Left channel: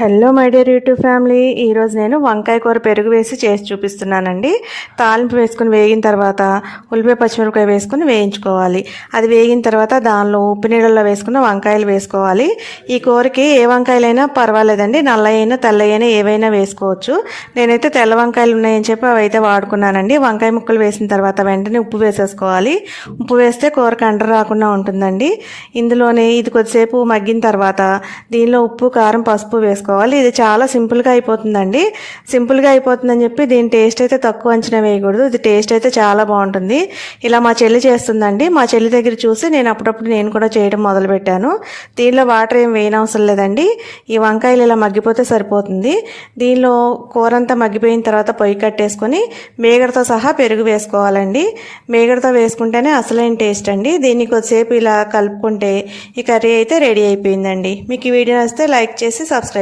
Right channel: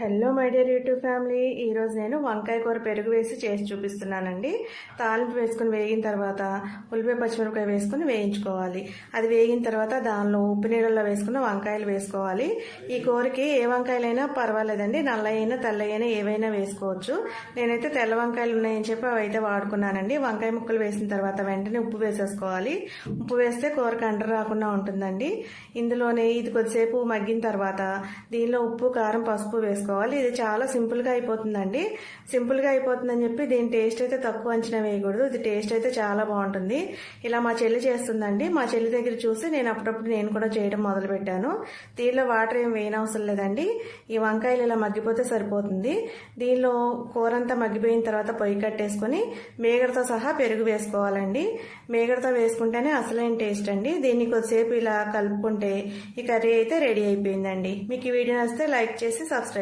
Hello my dear YouTube family, ఈరోజు నేను వంకాయ కూర పెరుగు వేసి చేసి చూపిస్తున్నానండి. తాలింపు వేసుకుని వేగిన తర్వాత ఉల్లిపాయ పచ్చిమిరపకాయ వేసుకుని వేయించుకోవాలి. అది వేగిన తర్వాత దానిలో ఉప్పు నీళ్ళల్లో వేసుకున్న వంకాయలు వేసుకోవాలి. ఈ కూరకి ఏ వంకాయలైనా పర్వాలేదండి, నల్లయైనా తెల్లయైనా ఏవైనా వేసుకోవచ్చు. నేనైతే తెల్ల వంకాయలు ఉన్నాయని చెప్పి అవి అయితే వాడుకున్నానండి. వంకాయ ముక్కలు వేసిన తర్వాత వెంటనే ఉప్పు వేసేసుకోవాలి. ఉప్పు వేస్తే కూరకు అంటర రాకుండా ఉంటుందండి. ఇందులోనే ఇది కొద్దిసేపు మగ్గిన తర్వాత దీనిలో ఉప్పు కారం పసుపు వేసుకోవాలి. ఇది చాలా సింపుల్గా అయిపోతుందండి. సింపుల్గా అయిపోతుందని చెప్పి దీని టేస్ట్ అయితే తక్కువ అంచనా వేయకూడదు. ఇది టేస్ట్ అయితే చాలా బాగుంటుంది. ఇలా మా చెల్లి చేస్తుందండి. మా చెల్లి దగ్గర చూసి నేను అప్పుడప్పుడు నేను కూడా చేయడం మొదలుపెట్టాను. దీనిలో వాటర్ ఏం వేయనవసరం లేదండి. ఈ వంకాయలు ఇలా మగ్గిపోతే సరిపోతుంది. దీనిలో కూర అంతా మగ్గిపోయిన తర్వాత పొయ్యి కట్టేసుకొని మేగడతో సహా పెరుగు వేసుకోవాలండి. మేగడతో వేసుకుంటేనే అసలైన టేస్ట్ అండి. దీన్ని కొద్దిసేపు ఇలా కలుపుకుంటే ఈ కర్రీ అయితే రెడీ అయిపోయిందండి. మీకు ఈ వీడియో నచ్చితే లైక్ చేసి సబ్స్క్రైబ్